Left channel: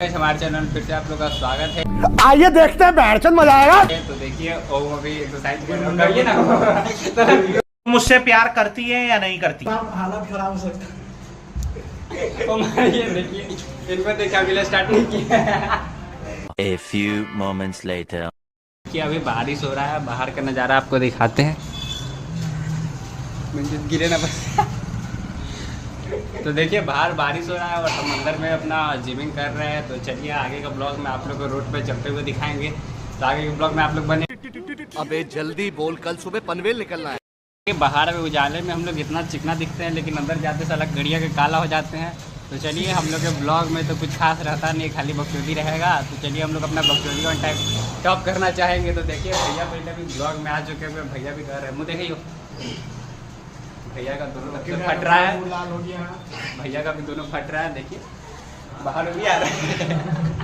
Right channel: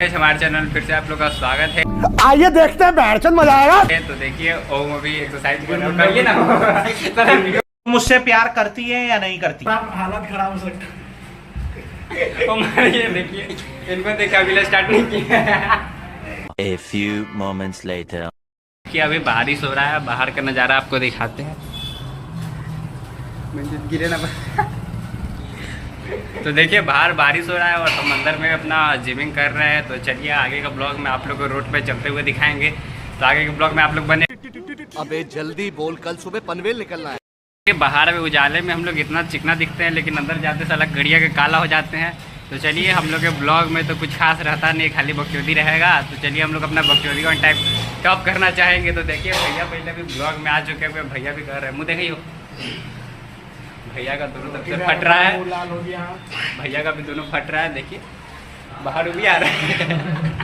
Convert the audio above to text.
हमारे चैनल फिर से आप लोग का स्वागत है। आइए देखते हैं बैठचंद मजा आएगा। तो देखिए ओम अभी एक्सरसाइज कर रहा है ना। मुझसे प्यार करती है या नहीं करती? हालत खराब हो सकती ओम ये देखिए इनको देखा भी स्टार्ट नहीं किया। A few moments later. कि अभी बारिश हो रहा है, बाहर का नज़ारा आपको दिखाते हैं। गिरे ना बस। तो देखिए बाहर बारिश हो रहा है और हम अंदर में अपना जिमिंग कर रहे हैं। तो चलिए आगे का ब्लॉग में आप लोग को रोड पे चलते हुए दिखाएंगे। तो आगे के ब्लॉग में आप लोग बने। अबे जल्दी बोल, कल सुबह पनवेल निकलना है। बाहर में उजाले में हम लोग इतना चिकना दिखते हैं, लेकिन अंदर जाते साला गड़िया के काला हो जाते हैं। तो चलिए हम लोग के ब्लॉग में तो कुछ खास रहता नहीं, खाली बकचोदी रहेगा। तो चलिए हम लोग अपना बकचोदी का टाइप टॉप करना चाहेंगे। तो देखिए भैया पहले भी ब्लॉग में आ चुके हुए, भैया भी कर रहे हैं। मुँह देखिए भैया का दोनों तरफ से फट रहा है, भैया का भी दोनों फट रहा है। देखिए बाहर भी आ रहा है।